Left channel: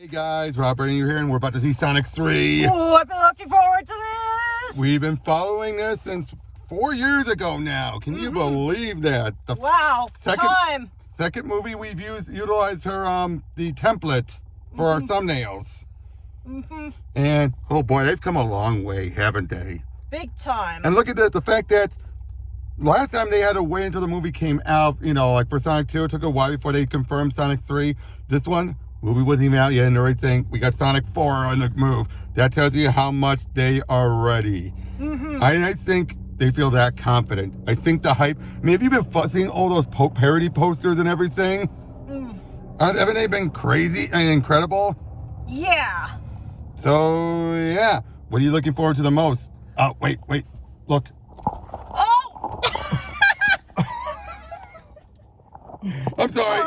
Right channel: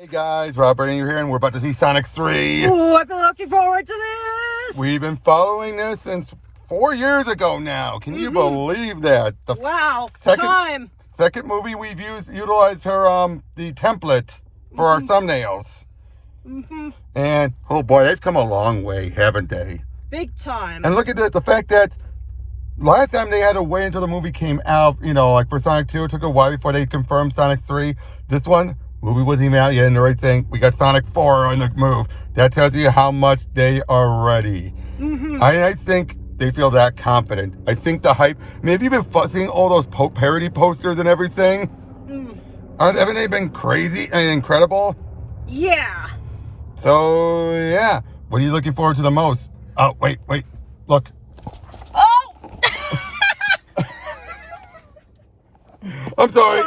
Hey guys, Robert and you're here, and we're about to see Sonic 3. Ooh, I've been looking forward to this. We've been following this since 4 years ago now. Can you believe that? Wow, second movie we've utilized her the template for our thumbnails. And oh boy, they've come a long way, haven't they? Big time. And look at that, the fact that last time they had to wait until the movie came out, you know, like for Sonic 2, it took a while before they confirmed Sonic 3. This one, movie wasn't even out yet, and the right thing, we got Sonic 4 on the move. That tells you how much they are ready. I think they feel that confident. I think the hype, I mean, have you been seeing all those parody posters and everything? Haven't they been crazy and incredible? Yeah. So, yeah. What are you looking forward to the most? Oh, wait, look. Oh! I'm sorry.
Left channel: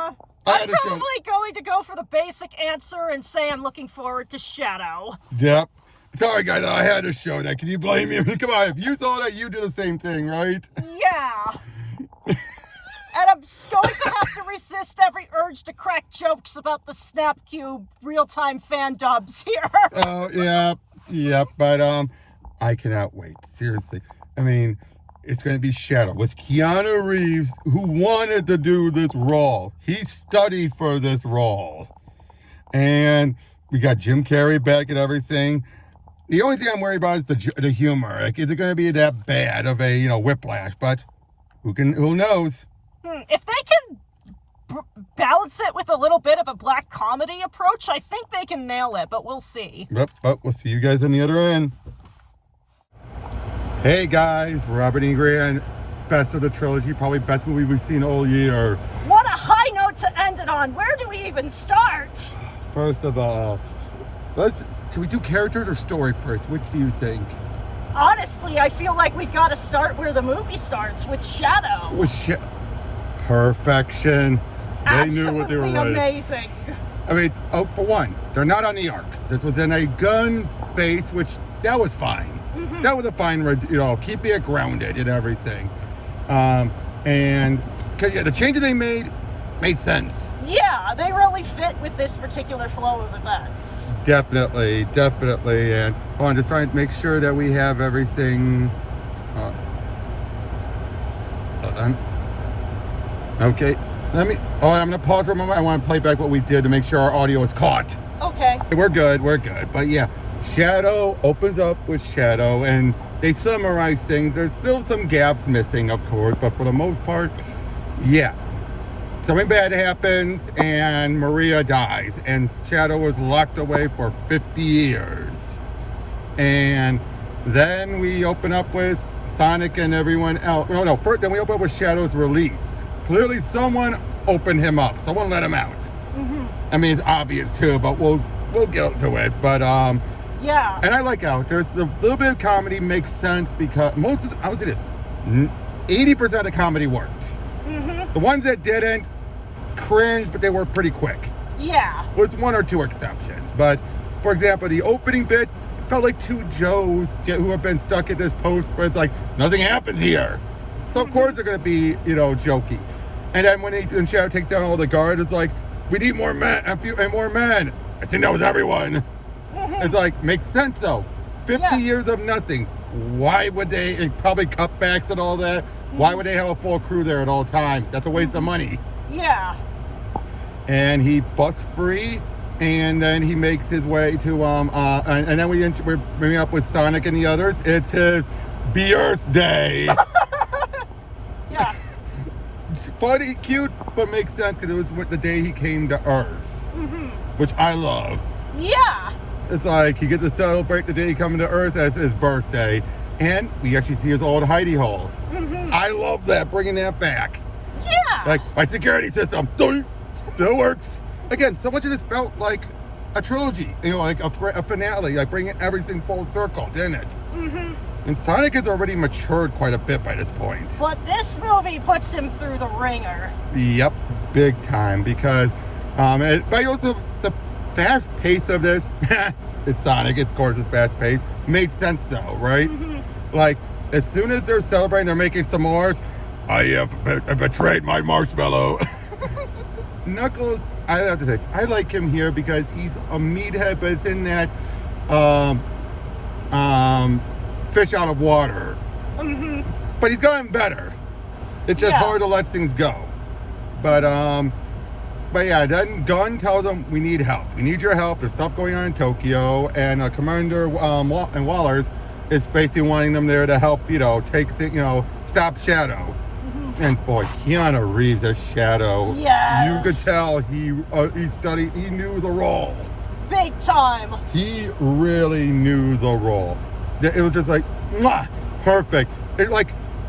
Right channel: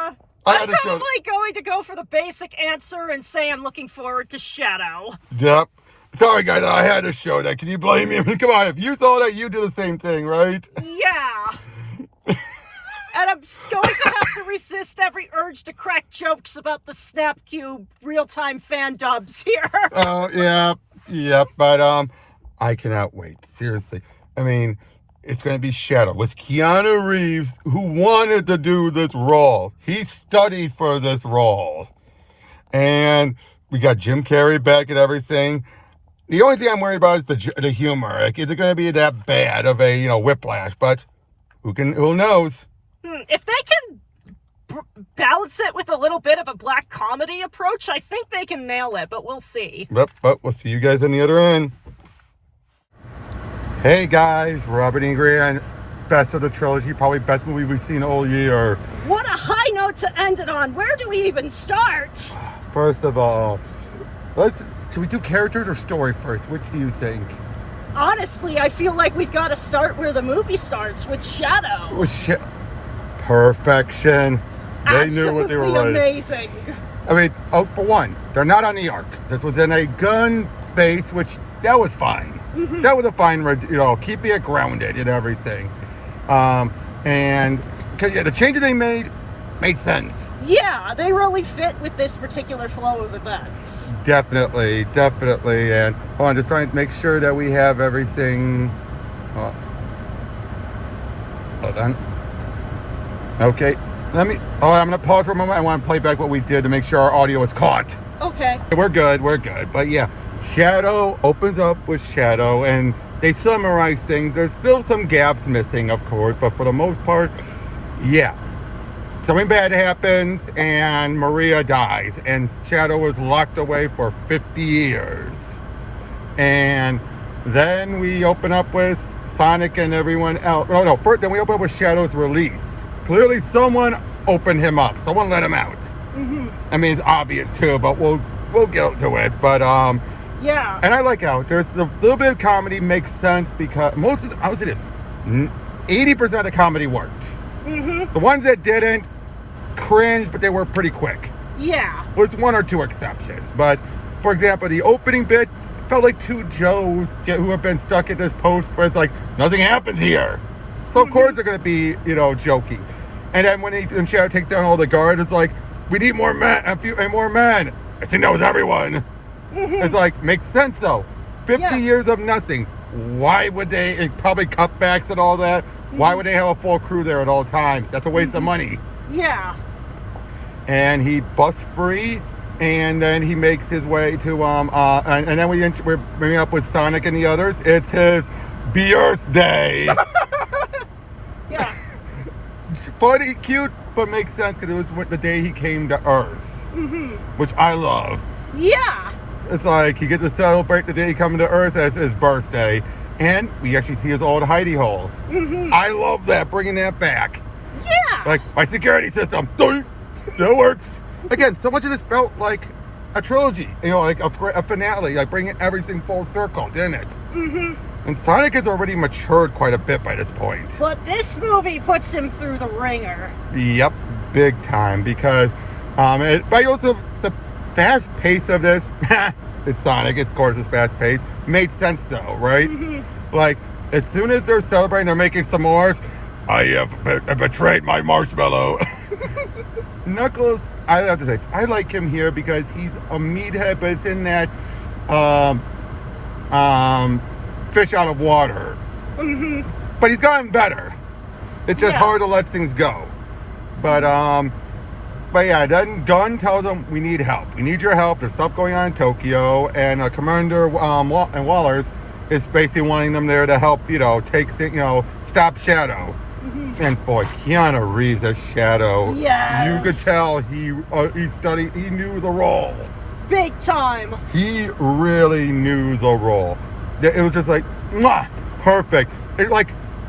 I'm probably going to go for the basic answer and say I'm looking forward to Shadow. Yep. Sorry, guys, I had to show that. Can you blame me? I mean, come on, if you saw that, you do the same thing, right? Yeah. And I'm going to have to resist every urge to crack jokes about the Snapcube real-time fan dubs here. Oh, yeah, but I cannot wait. Seriously. I mean, it's going to be Shadow with Keanu Reeves, who wanted to do this role. He studied for this role. And we got Jim Carrey back and everything. The only thing I'm worried about is the humor. Like, is it going to be that bad of a, whiplash? But who knows? If they can balance it with a little bit of a black comedy approach, I think they can nail it, but we'll see. But we'll see you guys on the other end. Hey guys, Robert and Ingrid, best of the trilogy, probably best movie we've seen all year. What a high note to end it on. Where do we even start? First of all, should we do characters or story first? Which do you think? Honestly, I feel like we've got to start where the movie starts, with Shadow. Perfection. They Absolutely knew what they were writing. Amazing. I mean, for one, they're not on the Ark. This was in a gun base, which that was fine. That was a fine, keeping it grounded and everything. And the changes they made sense. Yeah, they really fit with this particular flow of events. Definitely. And hold on, just trying to make sure that we have everything. Hold on. Okay, I'm going to pause for a moment. I want to play back what we did to make sure our audio is caught. Okay. We're good. But yeah, Shadow opens up with Shadow, and they summarize things. There's still some gaps missing, of course, but for the most part, yeah. Something bad happens, and Maria dies, and Shadow is locked away for 50 years. And then we open up with Sonic and everyone else. Then we open up with Shadow's release. Clearly someone opened him up. Someone let him out. I mean, it's obvious too, but we'll get to it. But yeah. And I like how there's a little bit of comedy makes sense because most of the, I would say this, 80% of the comedy worked. The ones that didn't, cringe, but they were pretty quick. Yeah. With one or two exceptions. But for example, the opening bit felt like two Joes who have been stuck at this post where it's like nothing happens here. So of course they're gonna be, jokey. And then when Shadow takes down all the guards, it's like, we need more men, more men. And she knows everyone. It's like, makes sense though. 50 years of nothing. Why would they, and probably cutbacks and all that, why would they have a full crew there at all times? That's a waste of money. Yeah. And he busts free, and then he makes his way to, and then we're bringing up with Sonic and the others. It's his birthday. Yeah. Funny, cute, but makes sense because it was the day he came to Earth, which I love. Yeah. It's like he gets to celebrate the day he comes to Earth as his birthday, and we actually see his old hidey hole. I love that, bringing that back. Yeah. Like, my security system, that works. Again, so much of this felt like a trilogy, like a finale, like bringing everything full circle, didn't it? And Sonic has already matured quite a bit by this point. But this movie puts him through the ringer. Yep, big time, because but also the fast pace of this, it's Sonic, of course it's fast paced, made sense though, right? Like, as soon as they're celebrating, they're making s'mores, I have betrayed my marshmallow. Knuckles I have to say, I like him here because he's a meathead, but it's in that fish out of water. But he's gotten better. It's just hard to let things go. But yeah, then Gunn tells him, we need help. We need your help. There's stuff going on in Tokyo. And Commander and Wallers is basically wanting them there to help, stop Shadow. And boy, Keanu Reeves as Shadow. Yes. You could tell he knew the role. Big time. He really knew the role. It was just like, mwah, perfect.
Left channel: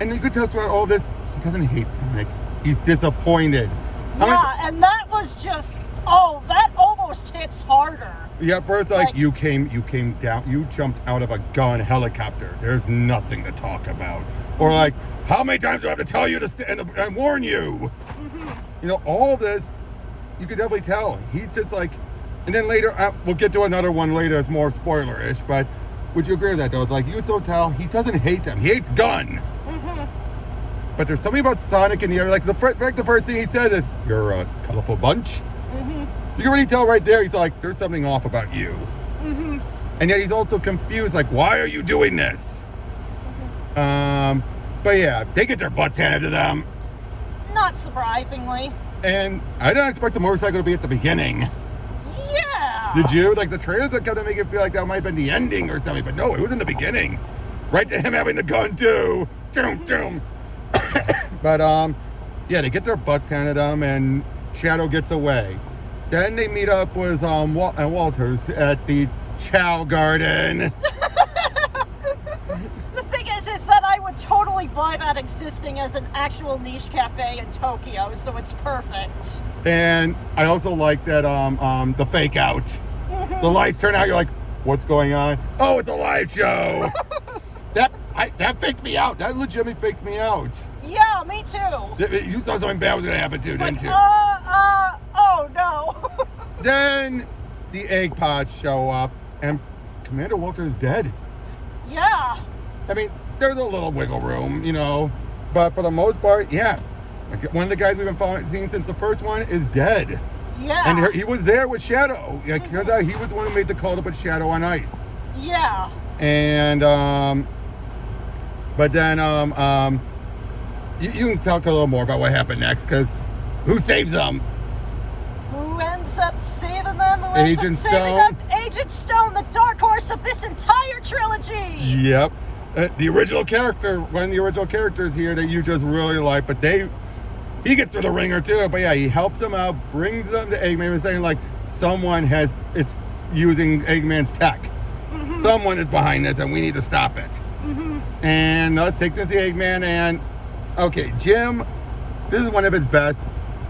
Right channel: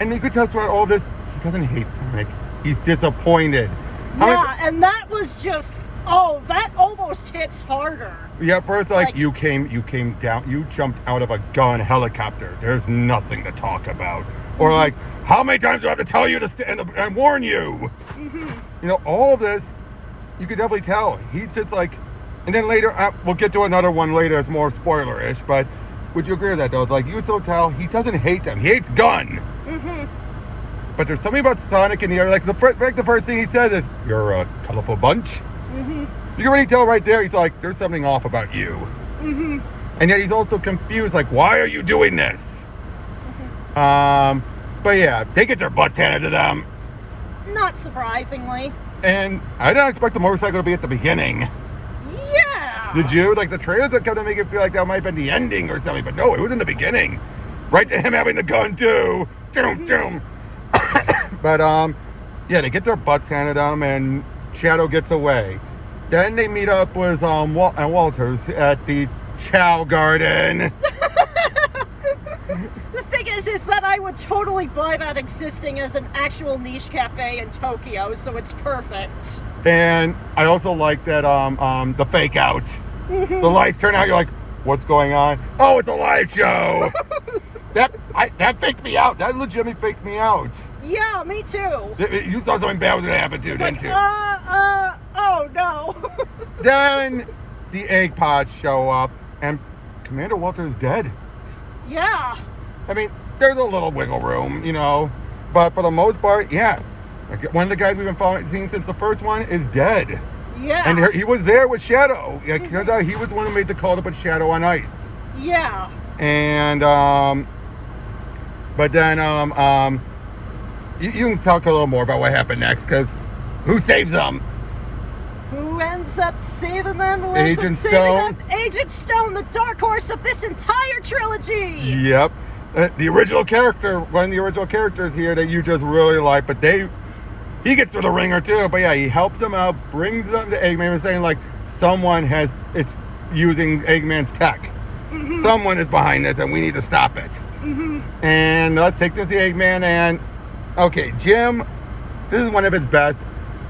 And you could tell throughout all this, he doesn't hate Sonic. He's disappointed. Yeah, and that was just, that almost hits harder. Yeah, first you came down, you jumped out of a gun helicopter. There's nothing to talk about. Or how many times do I have to tell you to stand up and warn you? All this, you could definitely tell. He's just and then later, we'll get to another one later, it's more spoiler-ish, but would you agree with that though? It's you so tell, he doesn't hate them, he hates Gunn. But there's something about Sonic in the air, the first thing he says is, you're a colorful bunch. You can already tell right there, he's there's something off about you. And yet he's also confused, why are you doing this? But yeah, they get their butts handed to them. Not surprisingly. And I didn't expect the motorcycle to be at the beginning. Yeah! Did you? The trailers that kind of make it feel like that might have been the ending or something, but no, it was in the beginning. Right to him having the gun too. Doom, doom. But yeah, they get their butts handed to them and Shadow gets away. Then they meet up with Walters at the Chow Garden. The thing is that I would totally buy that existing as an actual niche cafe in Tokyo, so it's perfect. And I also like that the fake out. The lights turn out, you're like, what's going on? Oh, it's a live show. that faked me out. That legitimately faked me out. Yeah, me too. You thought something bad was gonna happen too, didn't you? Oh no. Then the egg pods show up and Commander Walter is dead. Yeah. I mean, there's a little wiggle room, but for the most part, yeah. One of the guys we've been seeing since the first one is dead. Yeah. And he was there with Shadow. It turns out he was the one who made the call to put Shadow on ice. Yeah. And, but then, you can talk a little more about what happened next, because who saves them? Who ends up saving them? Who ends Agent up saving Stone. them? Agent Stone, the dark horse of this entire trilogy. Yep. The original character, one of the original characters here that you just really like, but he gets through the ringer too. But yeah, he helps them out, brings them to Eggman and saying someone it's using Eggman's tech. Someone is behind this and we need to stop it. And let's take this to Eggman and, okay, Jim, this is one of his best,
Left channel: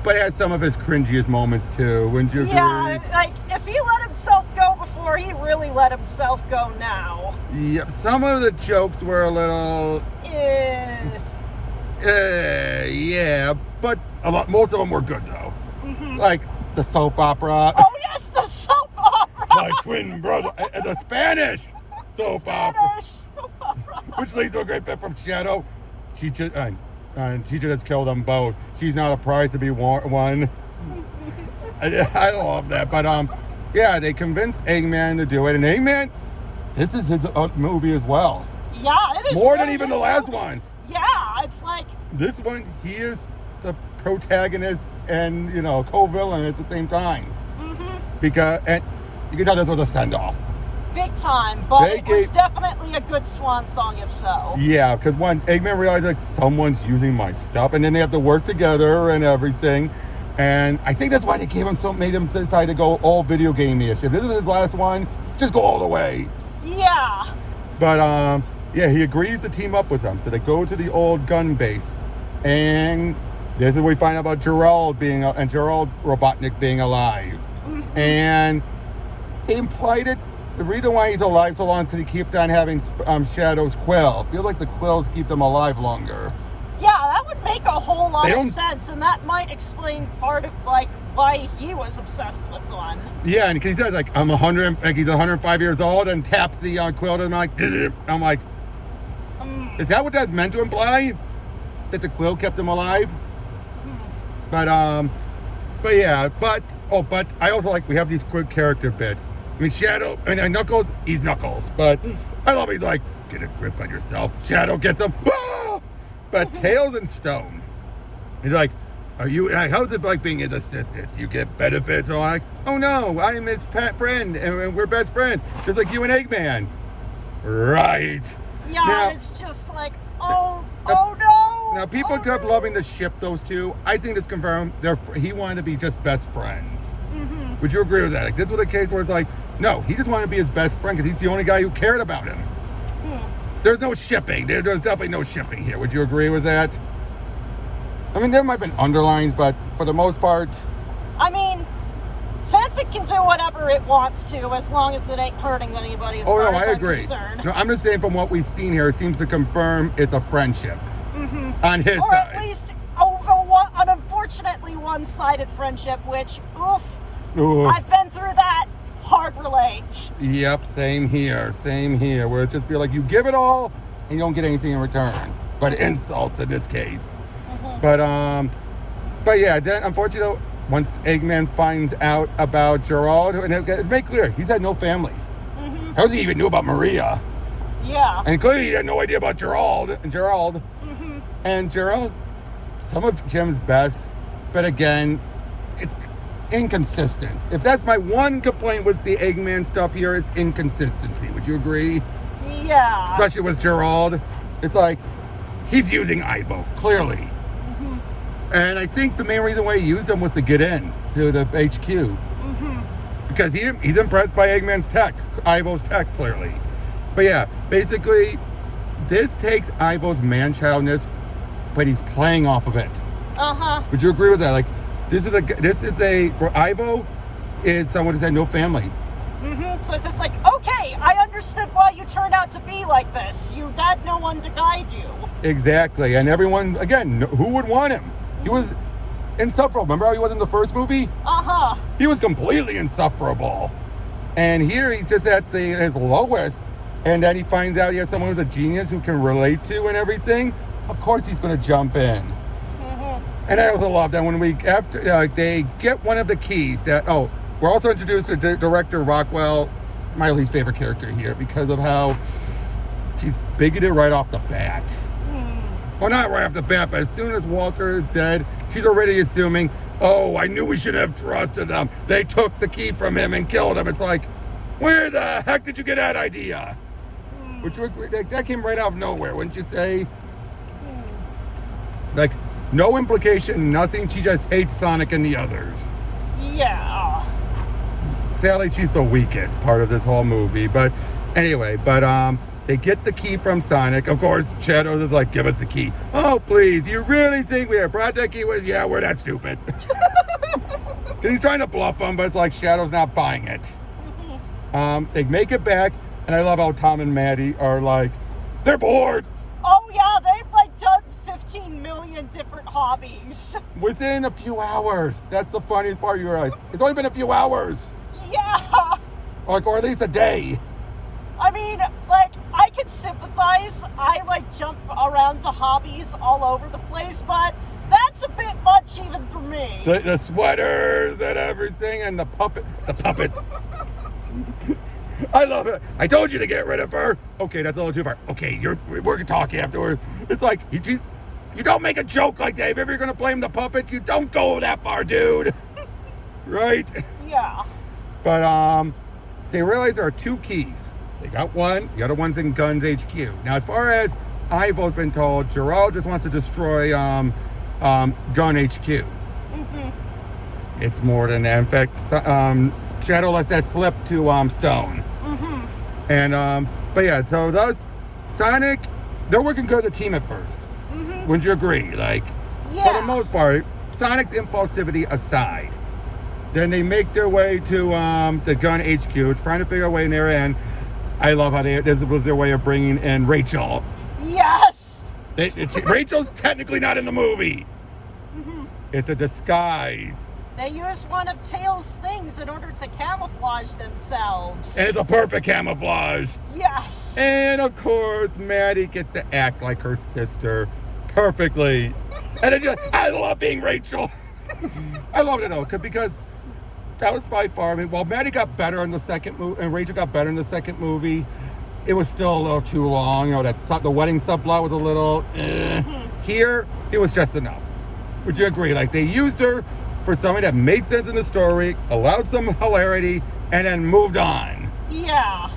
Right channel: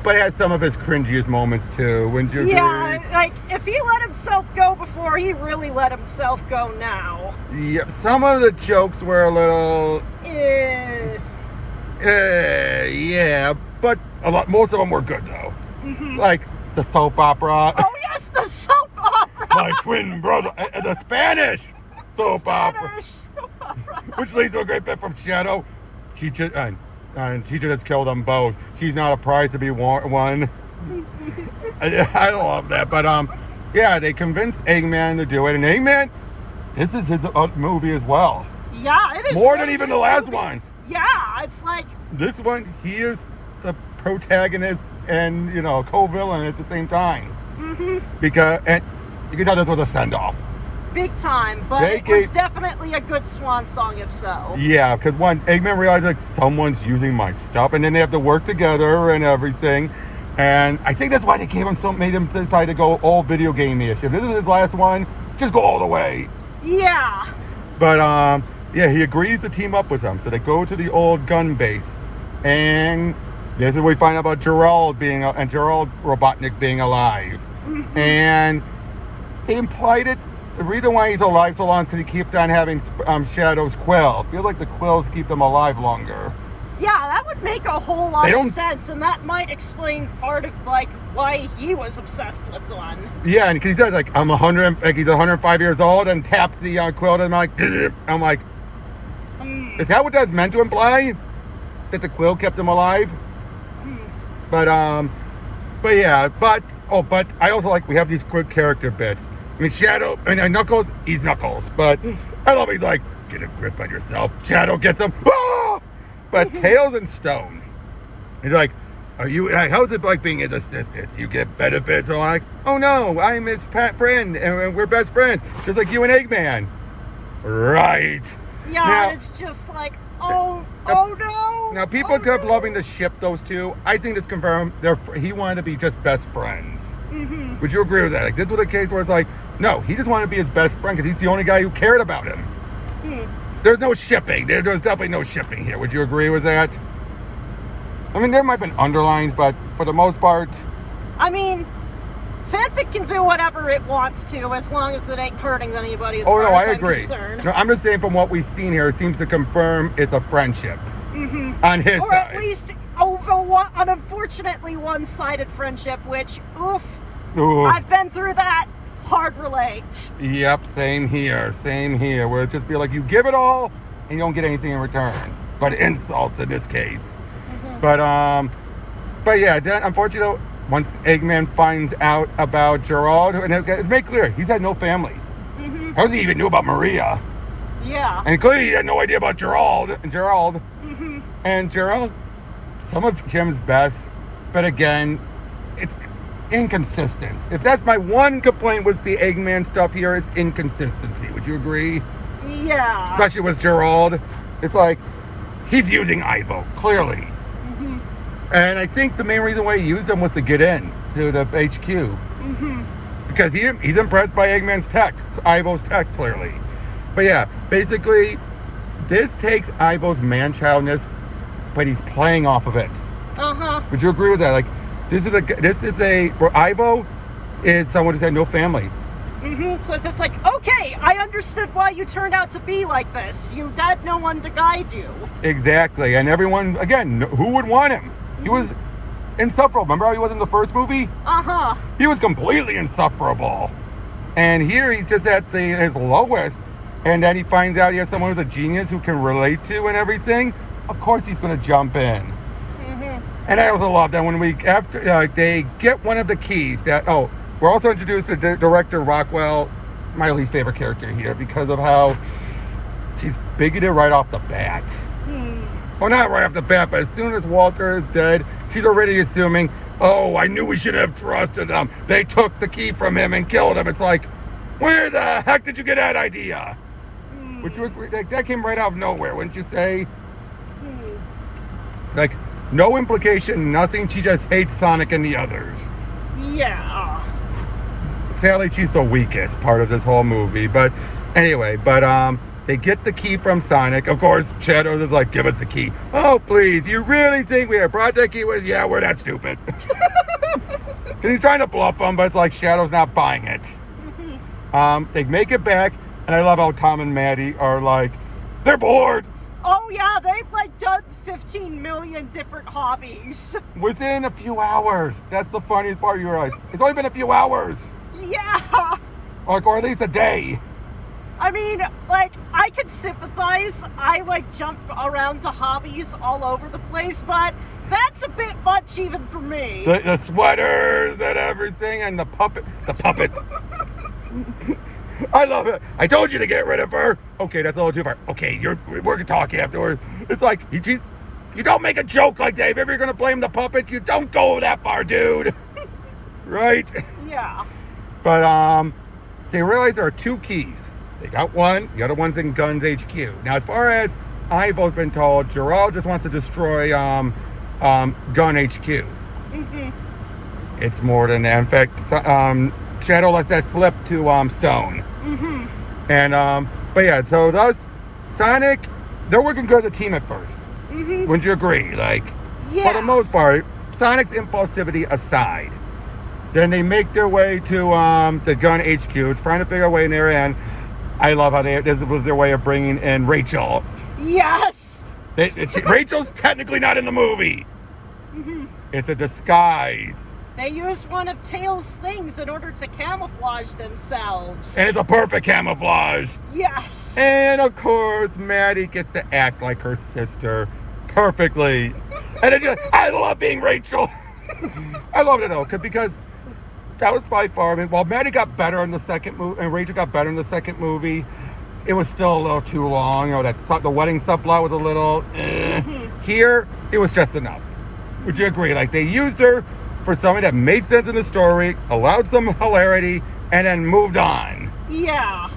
but it has some of his cringiest moments too. Wouldn't you agree? Yeah, if he let himself go before, he really let himself go now. Yep, some of the jokes were a little... yeah, but most of them were good though. Like the soap opera. Oh yes, the soap opera! My twin brother, the Spanish soap opera. Which leads to a great bit from Shadow. Teacher just killed them both. She's not a prize to be won. I love that, but yeah, they convinced Eggman to do it, and Eggman, this is his movie as well. Yeah, it is more than even the last one. Yeah, it's this one. He is the protagonist and co-villain at the same time. Because you can tell this was a send-off. Big time, but it was definitely a good swan song if so. Yeah, because when Eggman realized someone's using my stuff, and then they have to work together and everything, and I think that's why they made him decide to go all video game-ish. If this is his last one, just go all the way. Yeah. But yeah, he agrees to team up with them, so they go to the old gun base, and this is where we find out about Gerald Robotnik being alive, and they implied it. The reason why he's alive so long is because he keeps on having Shadow's quill. Feels like the quills keep them alive longer. Yeah, that would make a whole lot of sense, and that might explain part of why he was obsessed with one. Yeah, and because he says I'm 100, he's 105 years old, and taps the quill, and I'm like, is that what that's meant to imply? That the quill kept him alive? But But yeah, but I also like we have these good character bits. I mean, Shadow, Knuckles, he's Knuckles, but I love he's like, get a grip on yourself. Shadow gets him. Ah! But Tails and Stone, he's like, how's it like being his assistant? You get benefits? I'm like, oh no, I'm his fat friend, and we're best friends, just like you and Eggman. Right. Yeah, now, it's just like, oh no. Now, people kept loving to ship those two. I think it's confirmed he wanted to be just best friends. Mm-hmm. Would you agree with that? Like, this was a case where it's like, no, he just wanted to be his best friend because he's the only guy who cared about him. There's no shipping. There's definitely no shipping here. Would you agree with that? I mean, there might have been underlines, but for the most part... I mean, fanfic can do whatever it wants to as long as it ain't hurting anybody as far as I I'm agree. concerned. No, I'm just saying from what we've seen here, it seems to confirm it's a friendship on his Or side. at least an unfortunately one-sided friendship, which, oof, Ooh. I've been through that. Hard relate. Yep, same here, where it just feels like you give it all and you don't get anything in return. But insults in this case. But yeah, then unfortunately, once Eggman finds out about Gerald, and it's made clear, he's had no family. How does he even knew about Maria? Yeah. And clearly he had no idea about Gerald. And Gerald, some of Jim's best, but again, it's inconsistent. If that's my one complaint with the Eggman stuff here, is inconsistency. Would you agree? Yeah. Especially with Gerald. It's like, he's using Ivo, clearly. And I think the main reason why he used him was to get in to the HQ. Because he's impressed by Eggman's tech, Ivo's tech, clearly. But yeah, basically, this takes Ivo's man-childness, but he's playing off of it. Would you agree with that? Like, Ivo is someone who's had no family. So it's just like, okay, I understood why you turned out to be like this. You had no one to guide you. Exactly, and everyone, again, who would want him? He was insufferable. Remember how he was in the first movie? He was completely insufferable. And here he's just at his lowest, and then he finds out he has someone who's a genius who can relate to and everything. Of course he's going to jump in. And I also love that when they get one of the keys that, we're also introduced to director Rockwell, my least favorite character here, because of how she's bigoted right off the bat. Well, not right off the bat, but as soon as Walter is dead, she's already assuming, I knew we should have trusted them. They took the key from him and killed him. It's like, where the heck did you get that idea? Would you agree? Like, that came right out of nowhere, wouldn't you say? Like, no implication, nothing. She just hates Sonic and the others. Yeah. Sadly, she's the weakest part of this whole movie. But anyway, they get the key from Sonic. Of course, Shadows is like, give us the key. Oh, please, you really think we have brought that key with? Yeah, we're that stupid. Because he's trying to bluff them, but it's like Shadow's not buying it. They make it back, and I love how Tom and Maddie are like, they're bored. Oh yeah, they've like done 15 million different hobbies. Within a few hours. That's the funniest part. You're like, it's only been a few hours. Yeah. Or at least a day. I mean, like, I can sympathize. I like jump around to hobbies all over the place, but that's a bit much even for me. The sweaters and everything, and the puppet. I love it. I told you to get rid of her. Okay, that's a little too far. Okay, we're gonna talk afterwards. It's like, you don't make a joke like that. If ever you're gonna blame the puppet, you don't go that far, dude. Right? Yeah. But they realize there are two keys. They got one, the other one's in Guns HQ. Now, as far as Ivo's been told, Gerald just wants to destroy Gun HQ. It's more than that. In fact, Shadow lets that slip to Stone. And but yeah, so those Sonic, they're working good as a team at first. Wouldn't you agree? Like, yeah. For the most part, Sonic's impulsivity aside, then they make their way to the Gun HQ, trying to figure a way in there. And I love how this was their way of bringing in Rachel. Yes. Rachel's technically not in the movie. It's a disguise. They used one of Tails' things in order to camouflage themselves. And it's a perfect camouflage. Yes. And of course, Maddie gets to act like her sister perfectly. And I love being Rachel. I loved it though, because that was by far. I mean, while Maddie got better in the second movie, and Rachel got better in the second movie, it was still a little too long. You know, the wedding subplot was a little. Here, it was just enough. Would you agree? Like, they used her for something that made sense in the story, allowed some hilarity, and then moved on. Yeah.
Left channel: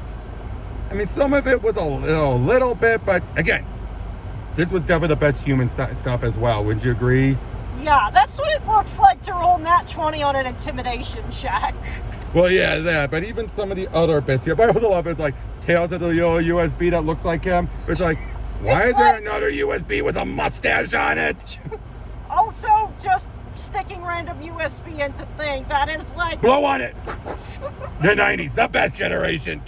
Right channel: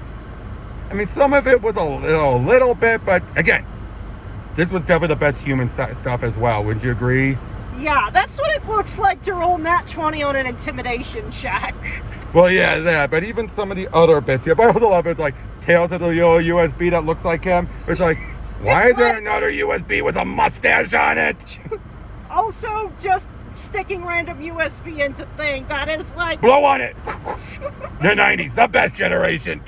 I mean, some of it was a little bit, but again, this was definitely the best human stuff as well. Would you agree? Yeah, that's what it looks like to roll nat 20 on an intimidation check. Well, yeah, that, but even some of the other bits here, but I also love it, like, Tails has a USB that looks like him. It's like, why is there another USB with a mustache on it? Also, just sticking random USB into thing, that is like... Blow on it! The 90s, the best generation.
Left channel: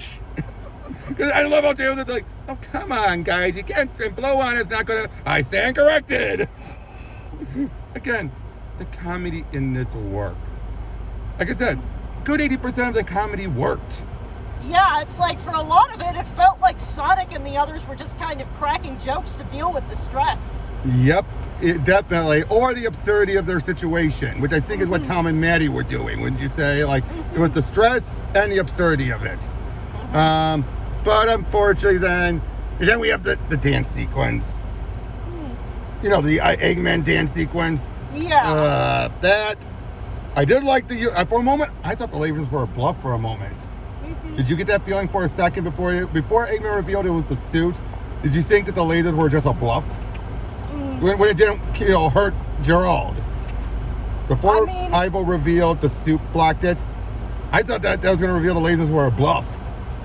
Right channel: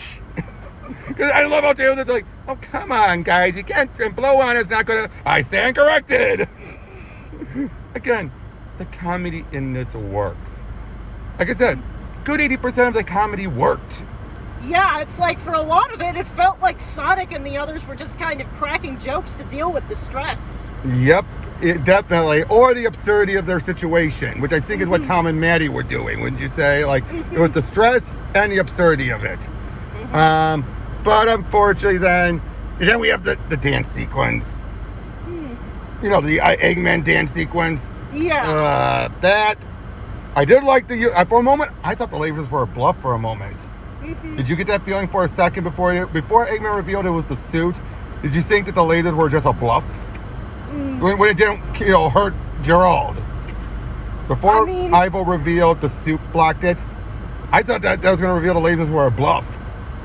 Because I love how Tails is like, oh, come on, guys, you can't, and blow on it's not gonna... I stand corrected! Again, the comedy in this works. Like I said, good 80% of the comedy worked. Yeah, it's like for a lot of it, it felt like Sonic and the others were just kind of cracking jokes to deal with the stress. Yep, definitely. Or the absurdity of their situation, which I think is what Tom and Maddie were doing, wouldn't you say? Like, it was the stress and the absurdity of it. But unfortunately then we have the dance sequence. You know, the Eggman dance sequence. Yeah. That, I did like for a moment, I thought the lasers were a bluff for a moment. Did you get that feeling for a second before Eggman revealed it was the suit? Did you think that the lasers were just a bluff? When it didn't, hurt Gerald? Before Ivo revealed the suit blocked it, I thought that was going to reveal the lasers were a bluff.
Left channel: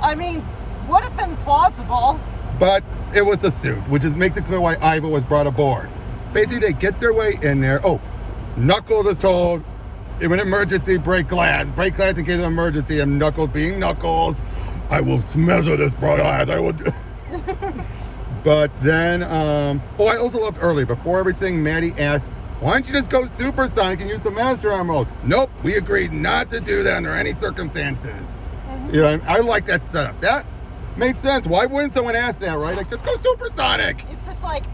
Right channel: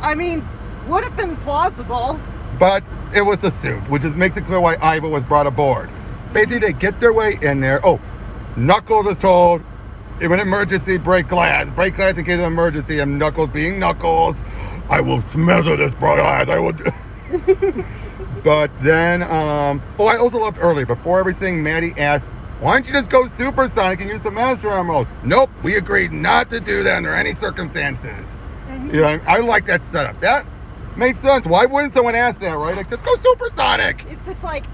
I mean, would have been plausible. But it was the suit, which makes it clear why Ivo was brought aboard. Basically, they get their way in there. Oh, Knuckles is told, in an emergency, break glass in case of emergency, and Knuckles being Knuckles, I will smother this glass, I will do. But then, I also loved early, before everything, Maddie asked, why don't you just go Supersonic and use the Master Emerald? Nope, we agreed not to do that under any circumstances. You know, I like that setup. That makes sense. Why wouldn't someone ask that, right? Like, just go Supersonic. It's just like,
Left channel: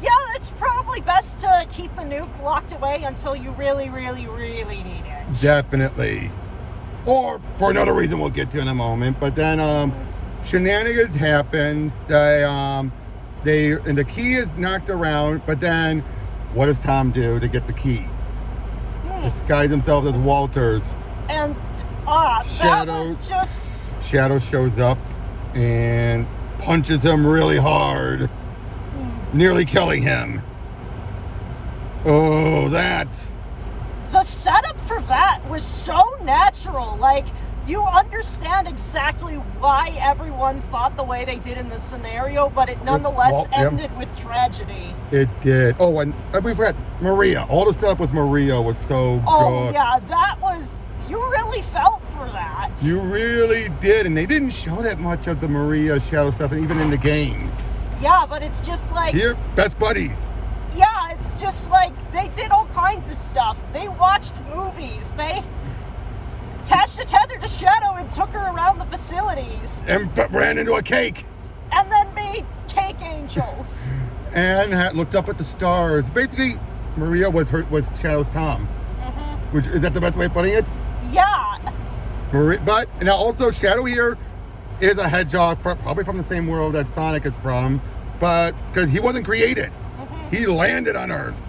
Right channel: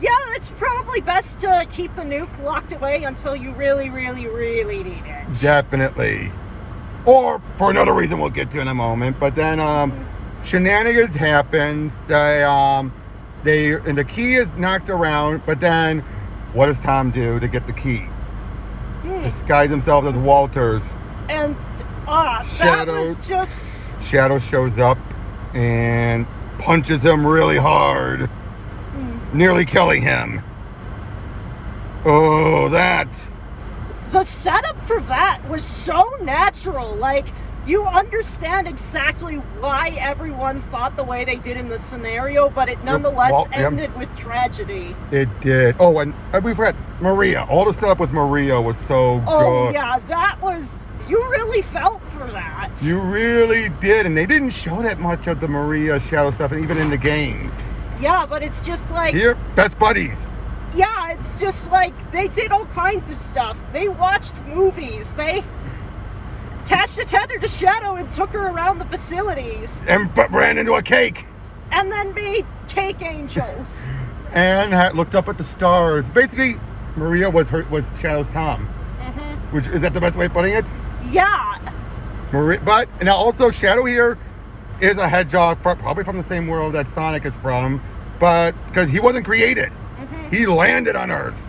yeah, it's probably best to keep the nuke locked away until you really, really, really need it. Definitely. Or for another reason we'll get to in a moment. But then shenanigans happen. And the key is knocked around. But then what does Tom do to get the key? Disguise himself as Walters. And that was just... Shadow shows up and punches him really hard, nearly killing him. Oh, that. The setup for that was so natural. Like, you understand exactly why everyone thought the way they did in the scenario, but it nonetheless ended with tragedy. It did. Oh, and we forgot Maria. All the setup with Maria was so good. Oh, yeah, that was... You really felt for that. You really did, and they didn't show that much of the Maria Shadow stuff, even in the games. Yeah, but it's just like... Here, best buddies. Yeah, it's just like, they did all kinds of stuff. They watched movies. They attached a tether to Shadow and took her around the facilities. And ran into a cake. And then made cake angels. And looked up at the stars. Basically, Maria was Shadow's Tom. Which, is that the best way of putting it? Yeah. But, and also Shadow here is a hedgehog, probably from the same world that Sonic is from, but because he wasn't created. He landed on Earth.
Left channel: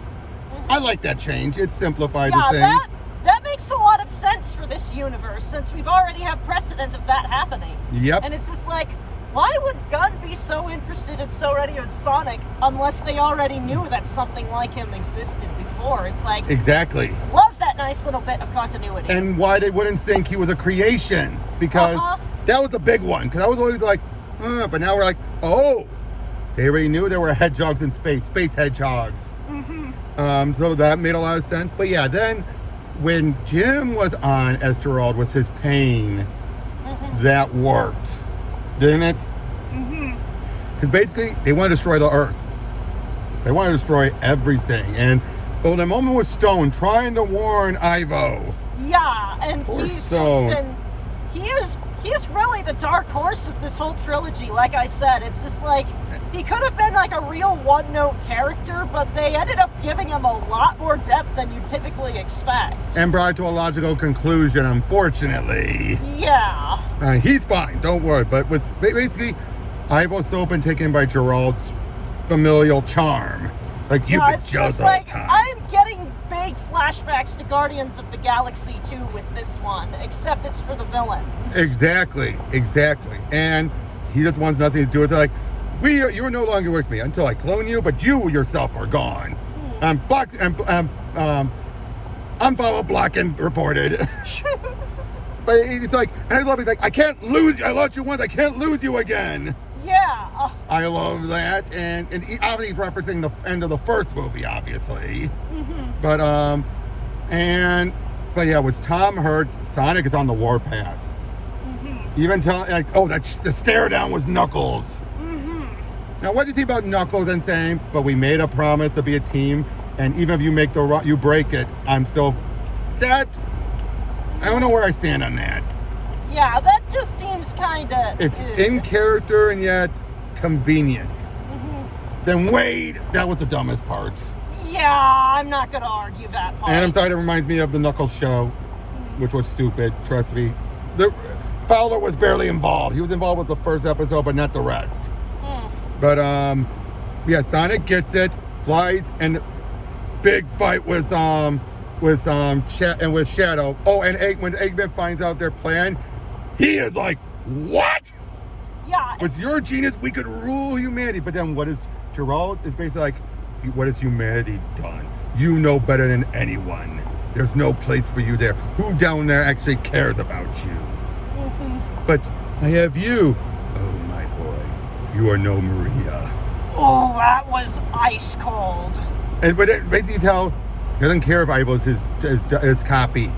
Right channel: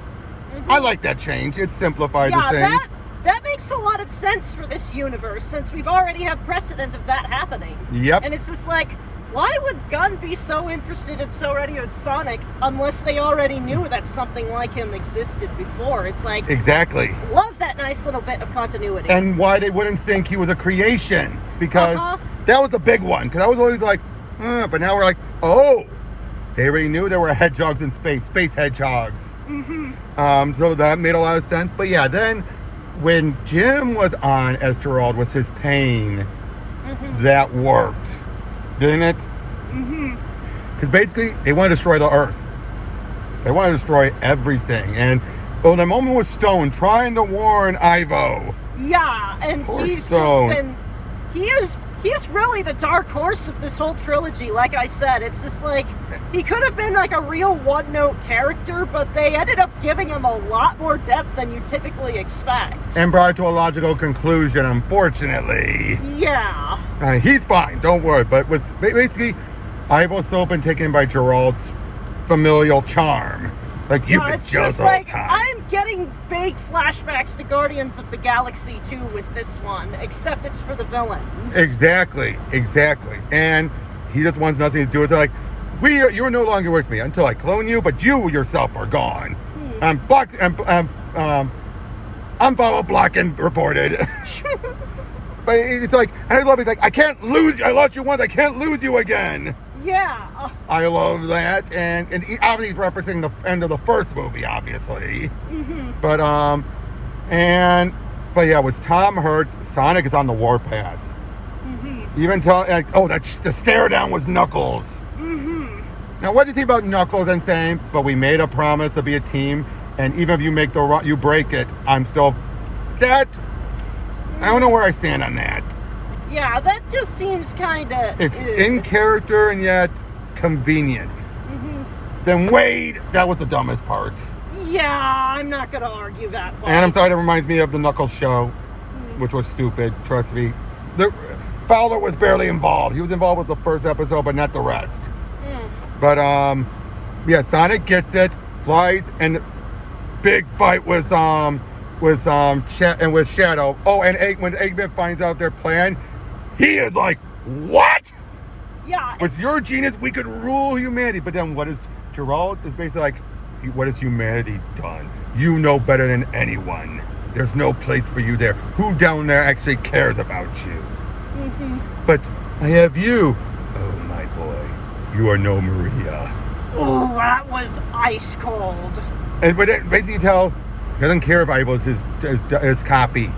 I like that change. It simplifies the thing. That makes a lot of sense for this universe, since we've already had precedent of that happening. Yep. And it's just like, why would Gunn be so interested and so ready with Sonic unless they already knew that something like him existed before? It's like... Exactly. Love that nice little bit of continuity. And why they wouldn't think he was a creation. Because that was the big one. Because I was always like, but now we're like, oh, they already knew there were hedgehogs in space hedgehogs. So that made a lot of sense. But yeah, then when Jim was on as Gerald with his pain, that worked. Didn't it? Because basically, they want to destroy the Earth. They want to destroy everything. And the moment with Stone trying to warn Ivo. Yeah, and Poor he's Stone. just been... He is he's really the dark horse of this whole trilogy. Like I said, it's just like he could have been like a real one-note character, but they ended up giving him a lot more depth than you typically expect. And brought to a logical conclusion, unfortunately. Yeah. He's fine, don't worry. But with basically, Ivo's still been taken by Gerald's familial charm. Like, you've been it's jealous just all like the time. I'm getting vague flashbacks to Guardians of the Galaxy 2 with this one, except it's for the villains. Exactly. And he just wants nothing to do with it. Like, you're no longer with me until I clone you, but you yourself are gone. I'm blocked. I'm followed, blocked, and reported. But it's like, and I love it. Like, I can't lose you. I lost you once. I can't lose you again. Yeah. I love that, and obviously he's referencing the end of the first movie, obviously. But yeah, was Tom hurt? Sonic is on the warpath. Even tell the stare down was Knuckles. Now, what do you think about Knuckles and saying, "But we made a promise to be a team, and even if you make you break it, I'm still that." I don't know where I stand on that. Yeah, that just seems kind of... It's in character and yet convenient. Then Wade, that was the dumbest part. Yeah, I'm not going to argue that part. And I'm sorry, that reminds me of the Knuckles show, which was stupid, trust me. Fowler was barely involved. He was involved with the first episode, but not the rest. But, yeah, Sonic gets it, flies, and big fight with Shadow. Oh, and when Eggman finds out their plan, he is like, what? Yeah. With your genius, we could rule humanity. But then what is Gerald is basically like, what has humanity done? You know better than anyone. There's no place for you there. Who down there actually cares about you? But I have you. Oh, my boy. You are no Maria. Oh, that was ice cold. And but it basically tell, he doesn't care if Ivo is his copy.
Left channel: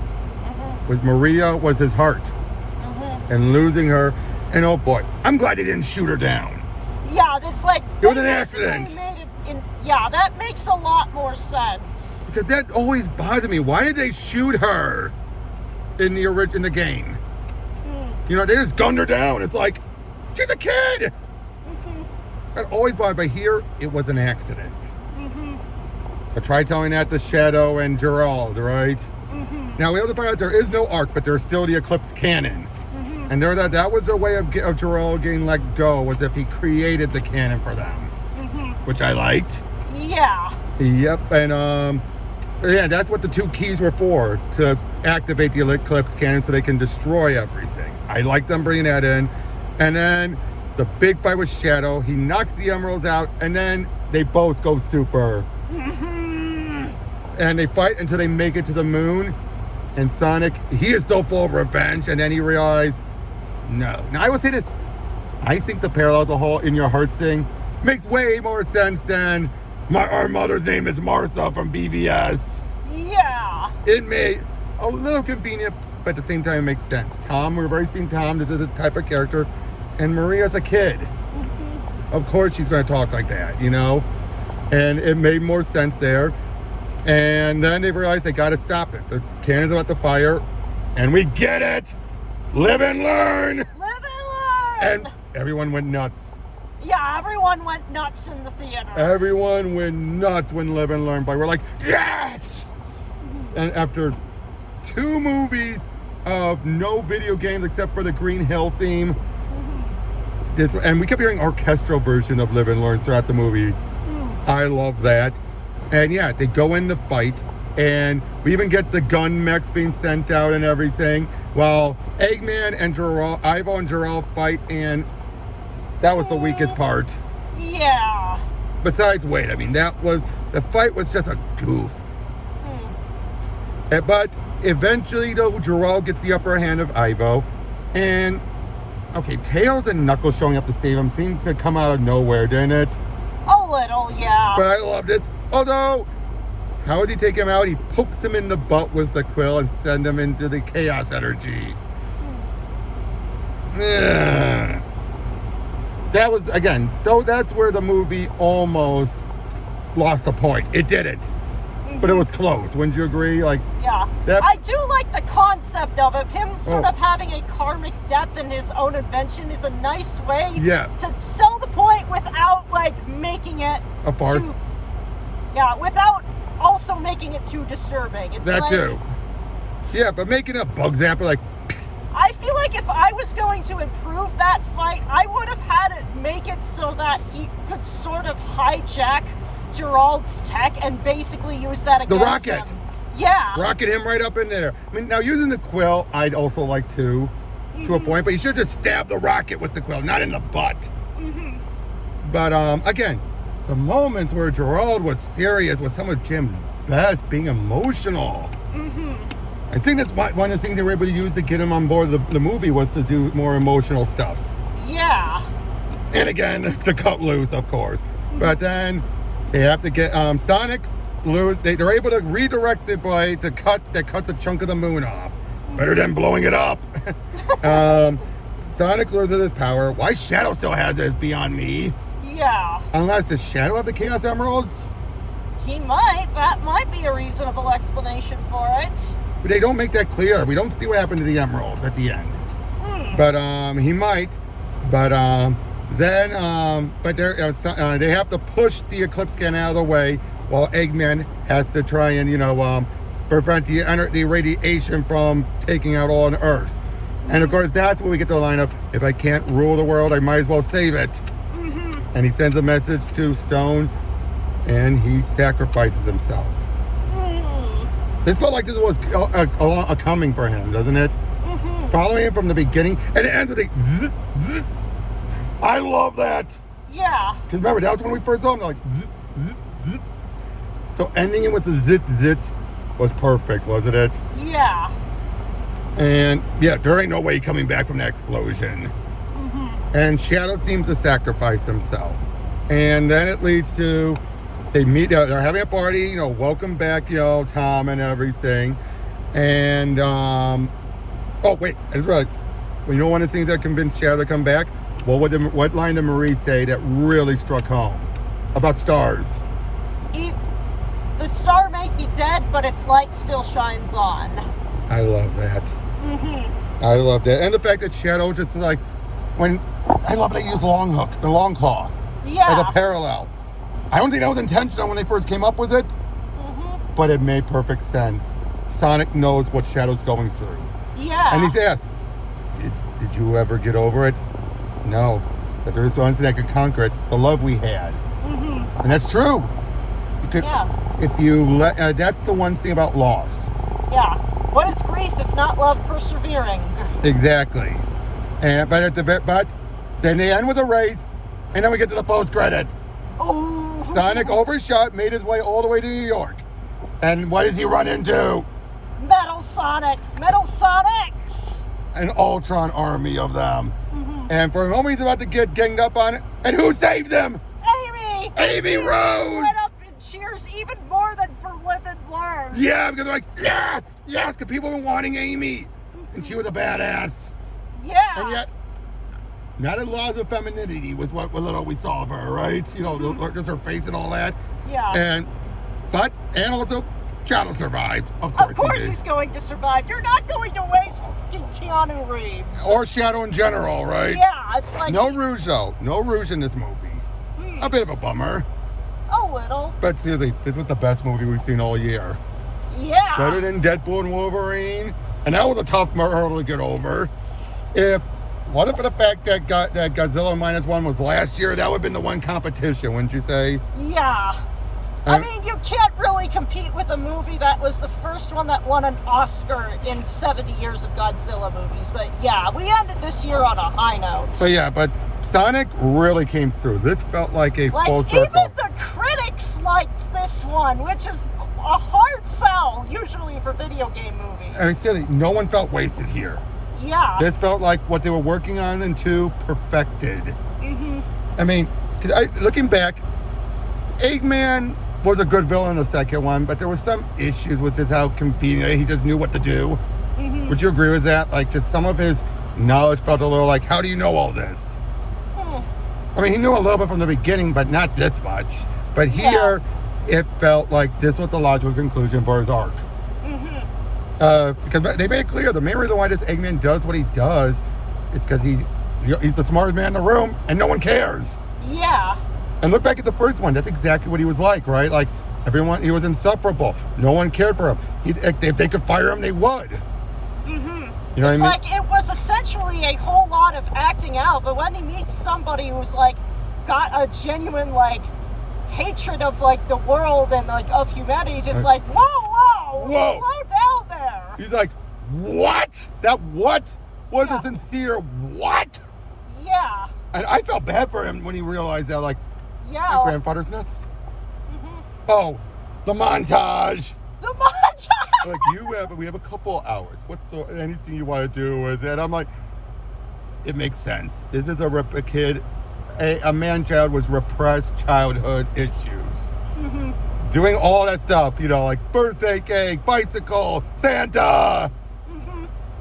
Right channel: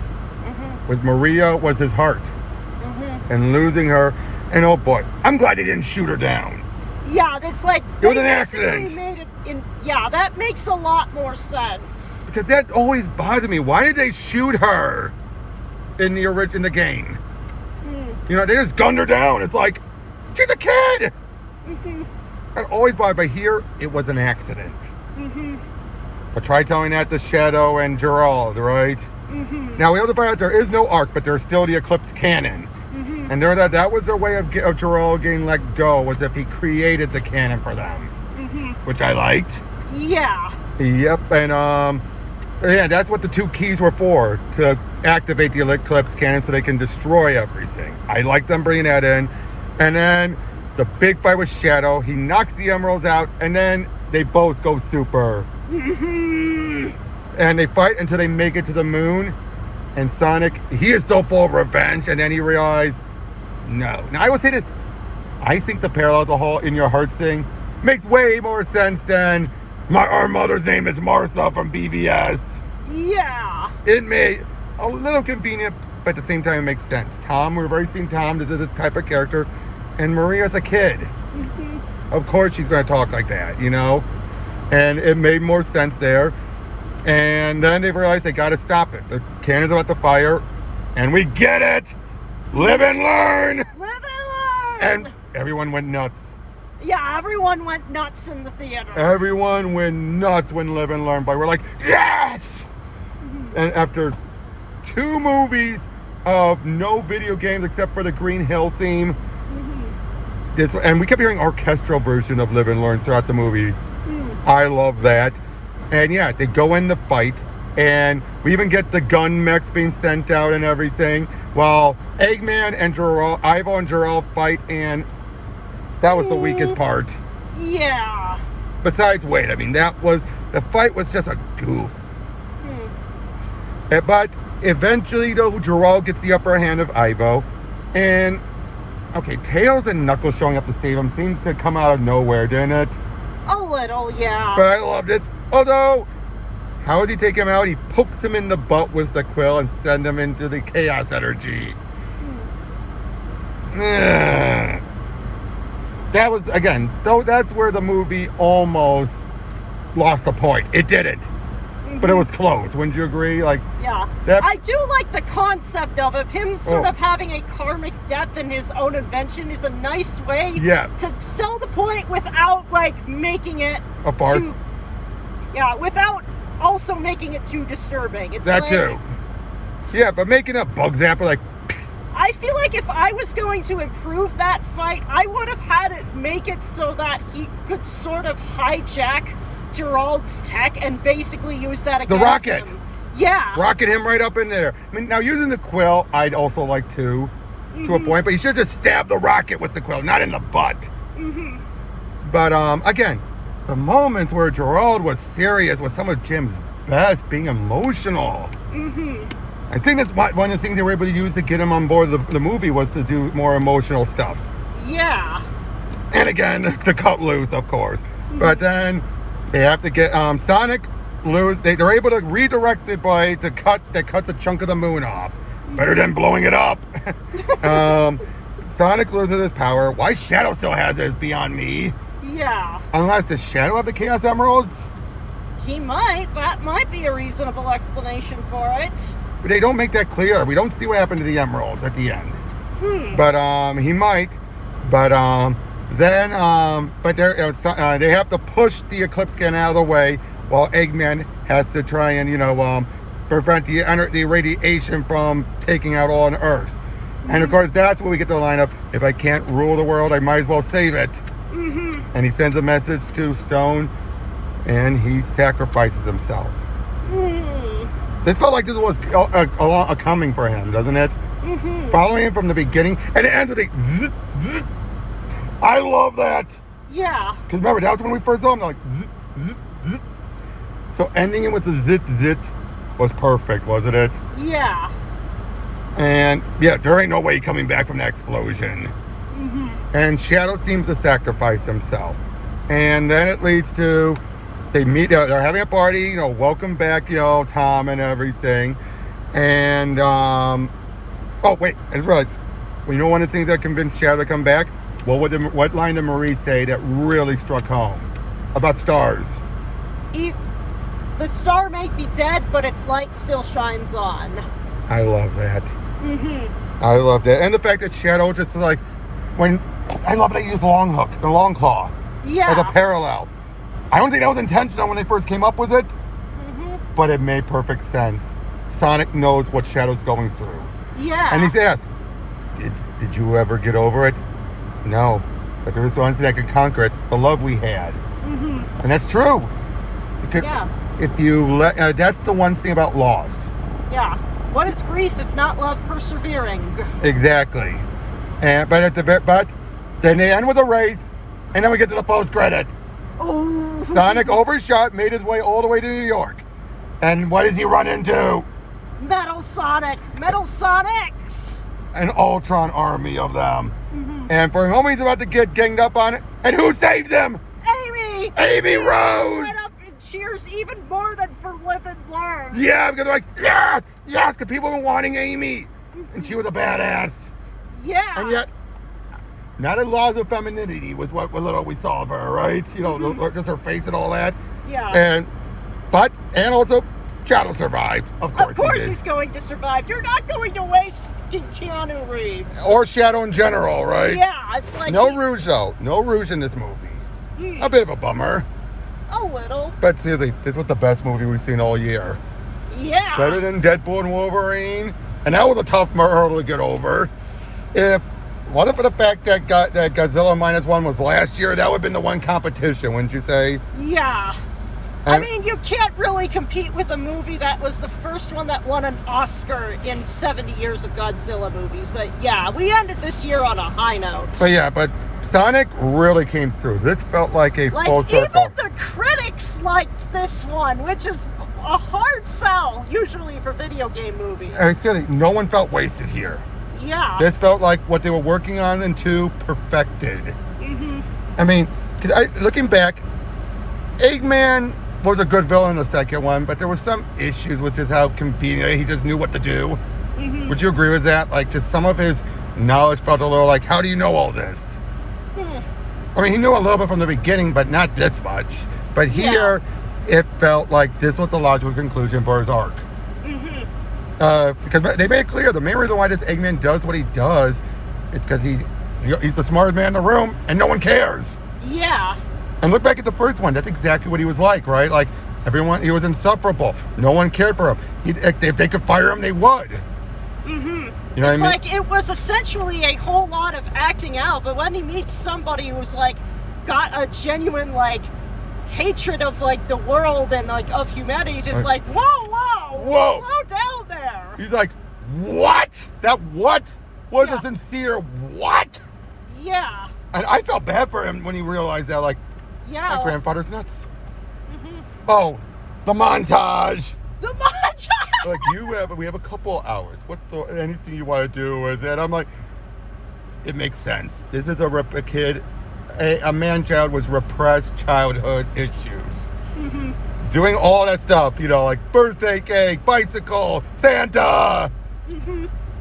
With Maria was his heart. And losing her, and oh boy, I'm glad he didn't shoot her down. Yeah, that's like... It was an accident. Yeah, that makes a lot more sense. Because that always bothered me. Why did they shoot her in the game? You know, they just gunned her down. It's like, she's a kid! That always bothered me. But here, it was an accident. But try telling that to Shadow and Gerald, right? Now, we have to find out there is no arc, but there's still the Eclipse cannon. And that was their way of Gerald getting let go, was if he created the cannon for them. Which I liked. Yeah. Yep, and yeah, that's what the two keys were for, to activate the Eclipse cannon so they can destroy everything. I like them bringing that in. And then the big fight with Shadow, he knocks the emeralds out, and then they both go super. And they fight until they make it to the moon. And Sonic, he is so full of revenge, and then he realized, no. Now, I will say this. I think the parallel, the whole In Your Heart thing, makes way more sense than our mother's name is Martha from BVS. Yeah. It may a little convenient, but at the same time it makes sense. Tom, we've already seen Tom, this is this type of character, and Maria's a kid. Of course she's going to talk like that, you know? And it made more sense there. And then they realized they got to stop it. The cannon's about to fire, and we get it! Live and learn! Live and learn! And everyone went nuts. Yeah, everyone went nuts in the theater. Everyone went nuts when Live and Learn, but we're like, yes! And after 2 movies of no video games except for the Green Hill theme, and we kept hearing orchestral version of Live and Learn throughout the movie. I love that. And yeah, they go in the fight, and we even get the gun mechs being sent out and everything, while Eggman and Ivo and Gerald fight, and that was the weakest part. Yeah. Besides Wade, I mean, the fight was just a goof. But eventually, though, Gerald gets the upper hand of Ivo, and okay, Tails and Knuckles showing up to save him seemed to come out of nowhere, didn't it? A little, yeah. But I loved it. Although, how does he take him out? He pokes him in the butt with the quill and sends him into the chaos energy. That was, again, though that's where the movie almost lost the point. It didn't. but it was close. Wouldn't you agree? Like, Yeah. that- I do like the concept of it. Him sort of having a karmic death in his own invention is a nice way Yeah. to sell the point without, like, making it A farce. without also making it too disturbing. It's that like, too. Yeah, but making a bug zapper like, I feel like if I was going to improve that fight, I would have had it make it so that he could sort of hijack Gerald's tech and basically use that against rocket. him. Yeah. rocket him right up in there. I mean, now using the quill, I'd also like to a point, but you should just stab the rocket with the quill, not in the butt. But again, the moments where Gerald was serious was some of Jim's best, being emotional. I think that's one of the things they were able to use to get him on board the movie was to do more emotional stuff. Yeah. And again, the cut loose, of course. But then they have to get Sonic loose. They're able to redirect it by the cut that cuts a chunk of the moon off. Better than blowing it up. Sonic loses his power. Why Shadow still has it is beyond me. Yeah. Unless the Shadow have the Chaos Emeralds. He might. That might be a reasonable explanation for it. But they don't make that clear. We don't see what happened to the emeralds at the end. But he might. But but they have to push the Eclipse Scan out of the way while Eggman has to try and prevent the radiation from taking out all on Earth. And of course, that's where we get the line of, if I can't rule the world, I might as well save it. And he sends a message to Stone, and he sacrifices himself. This felt like this was a coming for him, doesn't it? Following him from the beginning, and it ends with a zzz, zzz. I love that. Yeah. Because remember, that was when we first saw him, like zzz, zzz, zzz. So ending it with the zit zit was perfect, wasn't it? Yeah. And yeah, there ain't no way coming back from that explosion. And Shadow seems to sacrifice himself. And then it leads to, they meet, they're having a party, welcome back, Tom and everything. And, oh wait, I just realized, one of the things that convinced Shadow to come back? Well, what line did Marie say that really struck home? About stars. The star may be dead, but its light still shines on. I love that. I love that. And the fact that Shadow just like, I love they use the long claw. Yeah. As a parallel. I don't think that was intentional when they first came up with it, but it made perfect sense. Sonic knows what Shadow's going through. Yeah. And he's asked, did you ever get over it? No. But there was one thing that could conquer it, the love we had. And that's true. Yeah. If you that's the one thing about loss. Yeah. What is grief if not love persevering? Exactly. But then they end with a race, and then we get to the post-credit. Oh. Sonic overshot, made his way all the way to New York. And what does he run into? Metal Sonic. Metal Sonics. An Ultron army of them. And for whom he's about to get ganged up on it, and who saved them? Amy. Amy Rose. Went up and cheers even more than for Live and Learn. Yeah, because they're like, yes, because people were wanting Amy. And she was a badass. Yeah. And yet, not in laws of femininity was what little we saw of her, right? Just her face and all that. Yeah. And also, Shadow survived. Of course he did. He's going to survive. You're not going to waste fucking Keanu Reeves. Or Shadow in general, right? Yeah, it's like... No rouge, though. No rouge in this movie. A bit of a bummer. A little. But seriously, this was the best movie we've seen all year. Yeah. Better than Deadpool and Wolverine. And that was a tough hurdle to get over. If it wasn't for the fact that Godzilla -1 was last year, that would have been the one competition, wouldn't you say? Yeah. I mean, you can't really compete with a movie that was the first one that won an Oscar in 70 years of Godzilla movies. But yeah, we ended this year on a high note. But Sonic really came through. This felt like a full circle. Even the critics liked this one, which is a hard sell, usually for video game movies. I said no one felt wasted here. Yeah. This felt like what they were working on and perfected. I mean, looking back, Eggman was a good villain in the second one, but there were some issues with just how convenient he just knew what to do. Would you agree with that? Like, just some of his knowledge felt a little like, how do you know all this? I mean, he knew a little bit from the beginning, but not this much. But here, it felt like this was the logical conclusion for his arc. Because they made it clear the main reason why this Eggman does what he does is because he's the smartest man in the room and no one cares. Yeah. And look back at the first one. That's exactly what he was like, right? Like, everyone, he was insufferable. No one cared for him. If they could fire him, they would. You know what I mean? Like, it was essentially a whole lot of acting out, but when he meets somebody who's, like, got a genuine, like, hatred of, like, the world and, like, of humanity, he's just like, whoa, slow down there. He's like, what? That what? Was a sincere what? Yeah. And I felt bad for him when he realized that, like, Yeah. my grandfather's nuts. Oh, the montage. The montage. Like, we have a couple hours. What's anything you want to do with it? I'm like, it makes sense. This is a man-child with repressed childhood issues. Doing all that stuff, you know, like birthday cake, bicycle, Santa.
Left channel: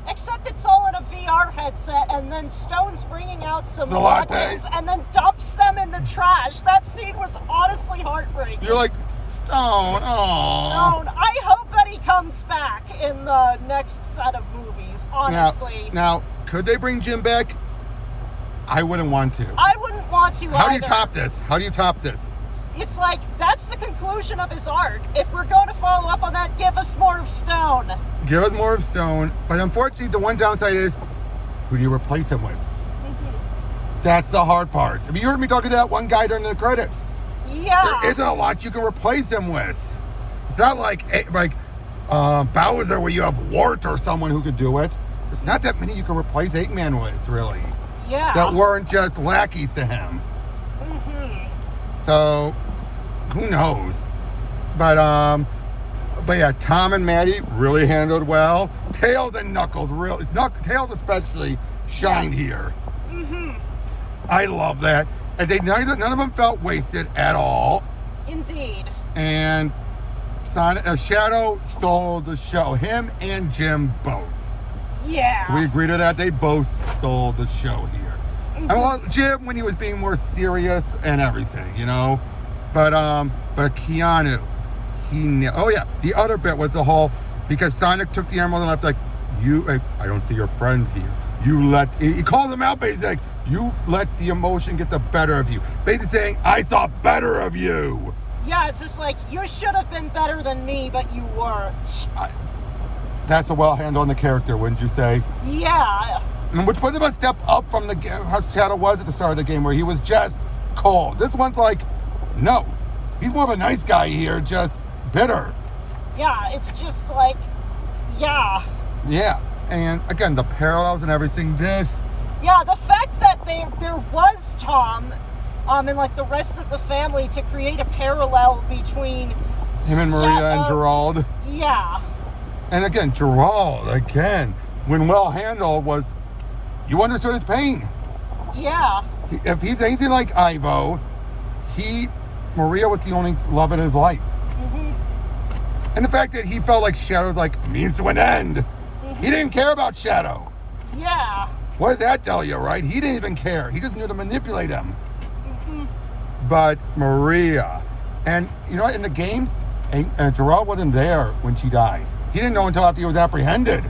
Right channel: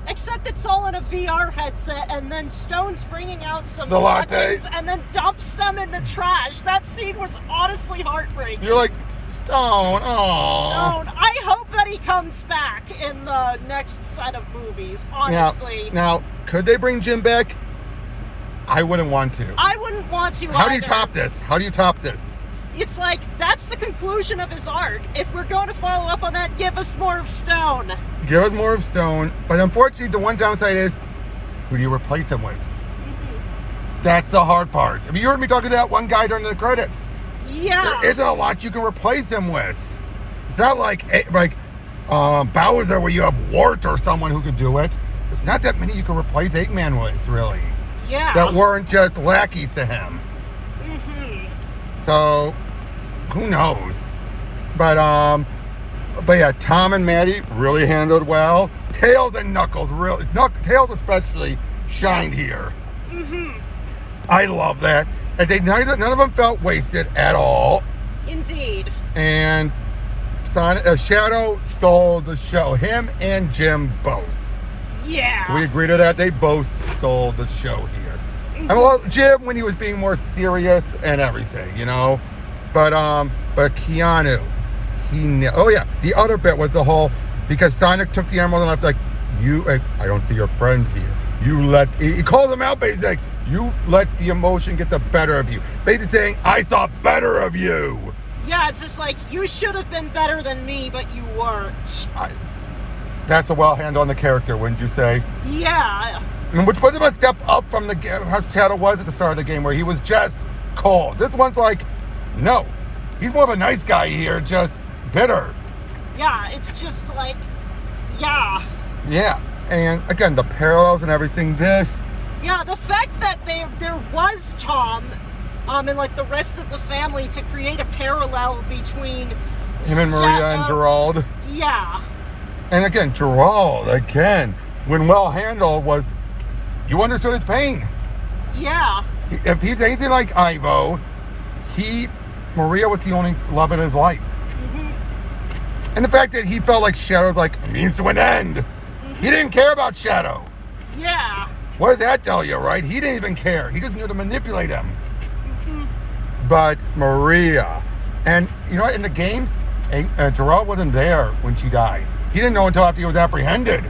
Except it's all in a VR headset, and then Stone's bringing out some The lattes. and then dumps them in the trash. That scene was honestly heartbreaking. You're like, Stone, aww. Stone. I hope that he comes back in the next set of movies, honestly. Now, could they bring Jim back? I wouldn't want to. I wouldn't want to How do you either. top this? How do you top this? It's like, that's the conclusion of his arc. If we're going to follow up on that, give us more of Stone. Give us more of Stone. But unfortunately, the one downside is, who do you replace him with? That's the hard part. I mean, you heard me talking to that one guy during the credits. Yeah. There isn't a lot you can replace him with. It's not like Bowser, where you have Wart or someone who could do it. There's not that many you can replace Eggman with, really. Yeah. That weren't just lackeys to him. So, who knows? But yeah, Tom and Maddie really handled well. Tails and Knuckles, Tails especially, shined here. I love that. And none of them felt wasted at all. Indeed. And Shadow stole the show. Him and Jim both. Yeah. So we agree to that. They both stole the show here. And well, Jim, when he was being more serious and everything, you know. But Keanu, the other bit was the whole, because Sonic took the emerald and left, like, I don't see your friends here. He calls them out, basically, like, you let the emotion get the better of you. Basically saying, I saw better of you. Yeah, it's just like, you should have been better than me, but you weren't. That's a well handle on the character, wouldn't you say? Yeah. And which was a step up from how Shadow was at the start of the game, where he was just cold. This one's like, no, he's more of a nice guy here, just bitter. Yeah, it's just like, yeah. Yeah, and again, the parallels and everything, Yeah, the fact that there was Tom, and like the rest of the family to create a parallel between him and Maria and Gerald. Yeah. And again, Gerald, when well handled, you understood his pain. Yeah. If he's anything like Ivo, Maria was the only love in his life. And the fact that he felt like Shadow's like a means to an end. He didn't care about Shadow. Yeah. What does that tell you, right? He didn't even care. He just knew to manipulate him. But Maria, and you know what, in the games, Gerald wasn't there when she died. He didn't know until after he was apprehended.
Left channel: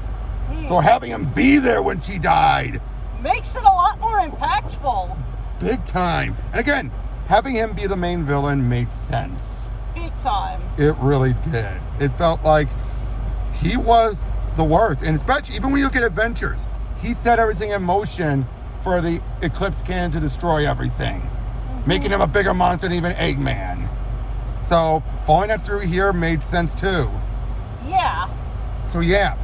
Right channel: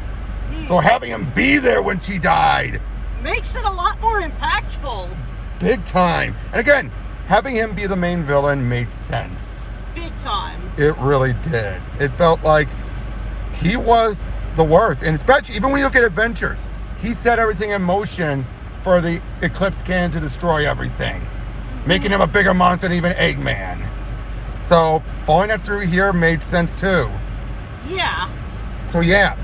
So having him be there when she died makes it a lot more impactful. Big time. And again, having him be the main villain made sense. Big time. It really did. It felt like he was the worst. And especially, even when you look at Adventures, he set everything in motion for the Eclipse Cannon to destroy everything, making him a bigger monster than even Eggman. So following that through here made sense too. Yeah. So yeah,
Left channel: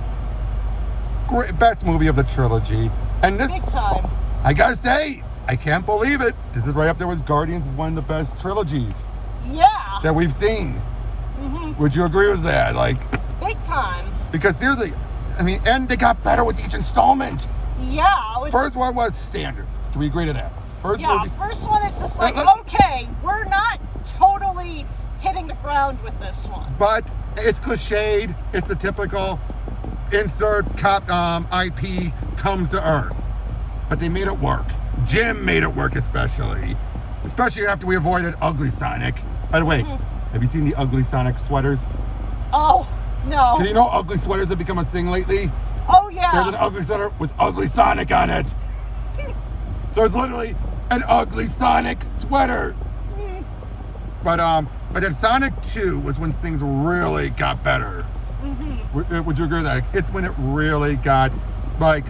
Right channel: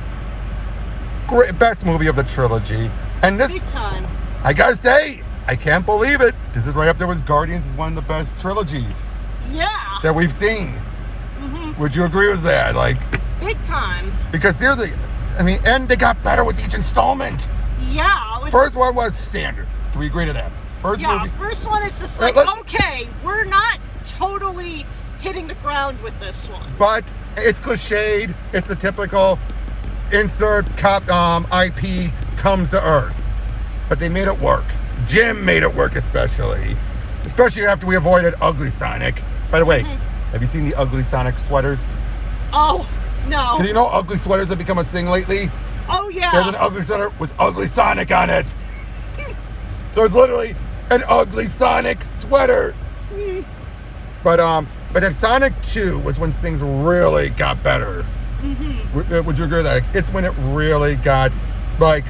great, best movie of the trilogy. And this, big time. I gotta say, I can't believe it. This is right up there with Guardians as one of the best trilogies Yeah. that we've seen. Would you agree with that? Like, big time. because seriously, I mean, and they got better with each installment. Yeah. First one was standard. Can we agree to that? First movie. First one, it's just like, okay, we're not totally hitting the ground with this one. But it's cliched. It's the typical insert IP comes to Earth. But they made it work. Jim made it work, especially after we avoided Ugly Sonic. By the way, Have you seen the ugly Sonic sweaters? Oh, no. 'Cause you know ugly sweaters have become a thing lately? Oh, yeah. There's an ugly sweater with ugly Sonic on it. So it's literally an ugly Sonic sweater. But in Sonic 2 was when things really got better. Would you agree with that? It's when it really got, like,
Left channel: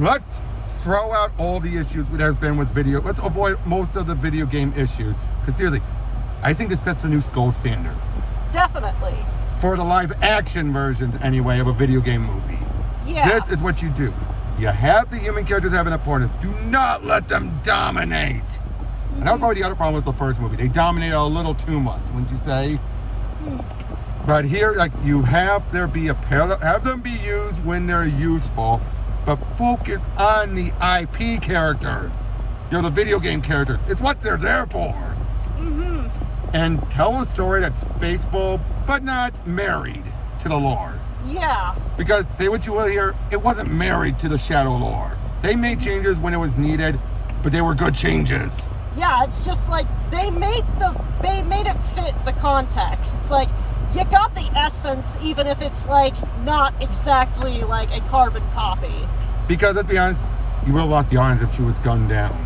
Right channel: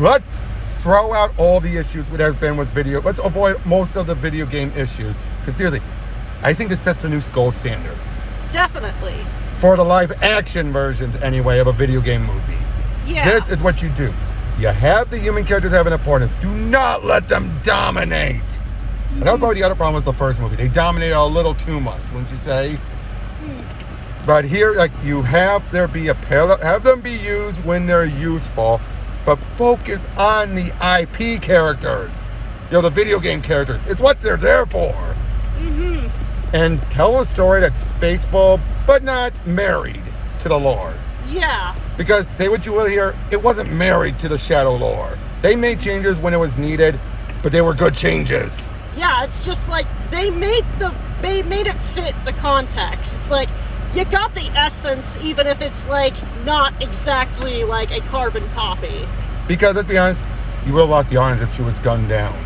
let's throw out all the issues that has been with video. Let's avoid most of the video game issues. Because seriously, I think this sets a new gold standard. Definitely. For the live action versions, anyway, of a video game movie. Yeah. This is what you do. You have the human characters have an importance. Do not let them dominate. And that was probably the other problem with the first movie. They dominated a little too much, wouldn't you say? But here, like, you have there be a parallel, have them be used when they're useful, but focus on the IP characters. You know, the video game characters. It's what they're there for. And tell a story that's faithful, but not married to the lore. Yeah. Because, say what you will here, it wasn't married to the Shadow lore. They made changes when it was needed, but they were good changes. Yeah, it's just like they made it fit the context. It's like you got the essence, even if it's like not exactly like a carbon copy. Because let's be honest, you would have lost the audience if she was gunned down.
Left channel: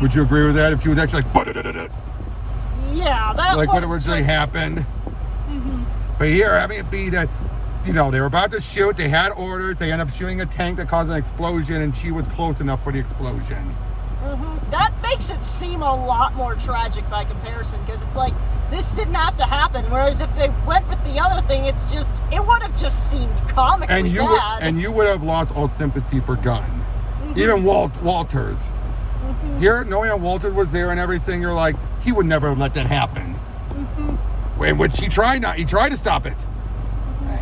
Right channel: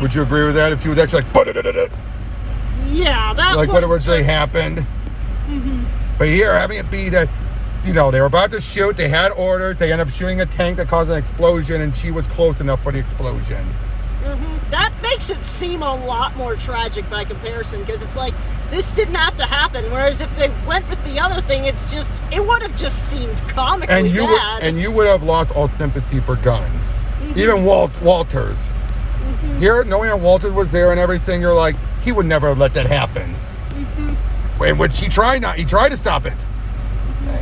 Would you agree with that? If she was actually like, yeah, that like would what originally just happened. But here, having it be that, you know, they were about to shoot, they had orders, they ended up shooting a tank that caused an explosion, and she was close enough for the explosion. That makes it seem a lot more tragic by comparison, because it's like, this didn't have to happen, whereas if they went with the other thing, it would have just seemed comically bad. And you would have lost all sympathy for Gunn. Even Walters. Here, knowing that Walters was there and everything, you're like, he would never have let that happen. In which he tried to stop it.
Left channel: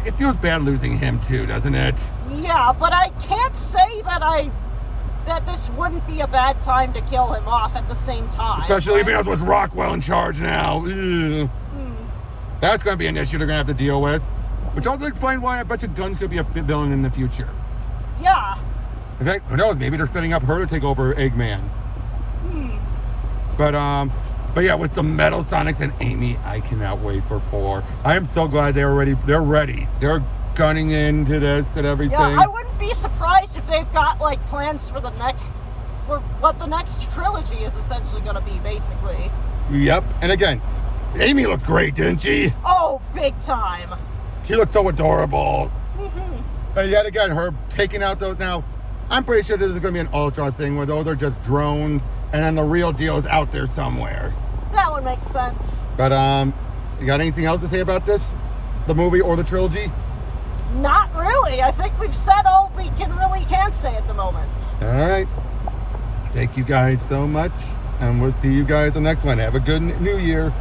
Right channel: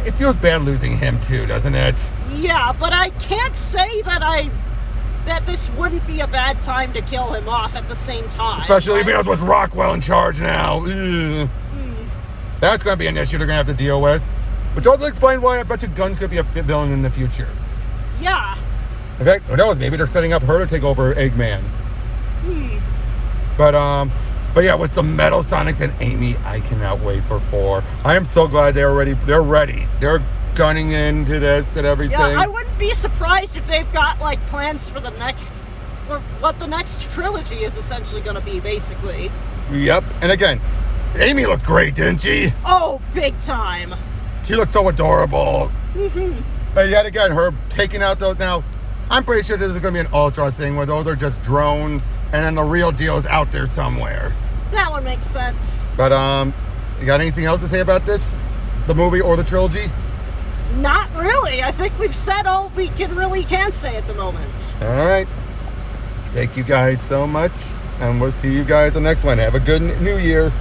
It feels bad losing him too, doesn't it? Yeah, but I can't say that this wouldn't be a bad time to kill him off at the same time. Especially because with Rockwell in charge now. That's going to be an issue they're going to have to deal with. Which also explains why I bet you Gunn's going to be a villain in the future. Yeah. In fact, who knows, maybe they're setting up her to take over Eggman. But yeah, with the Metal Sonics and Amy, I cannot wait for 4. I am so glad they're ready. They're gunning into this and everything. Yeah, I wouldn't be surprised if they've got like plans for what the next trilogy is essentially going to be, basically. Yep. And again, Amy looked great, didn't she? Oh, big time. She looked so adorable. But yet again, her taking out those now, I'm pretty sure this is going to be an Ultra thing where those are just drones and then the real deal is out there somewhere. That would make sense. But you got anything else to say about this? The movie or the trilogy? Not really. I think we've said all we can say at the moment. All right. Thank you guys so much. And we'll see you guys the next one. Have a good new year.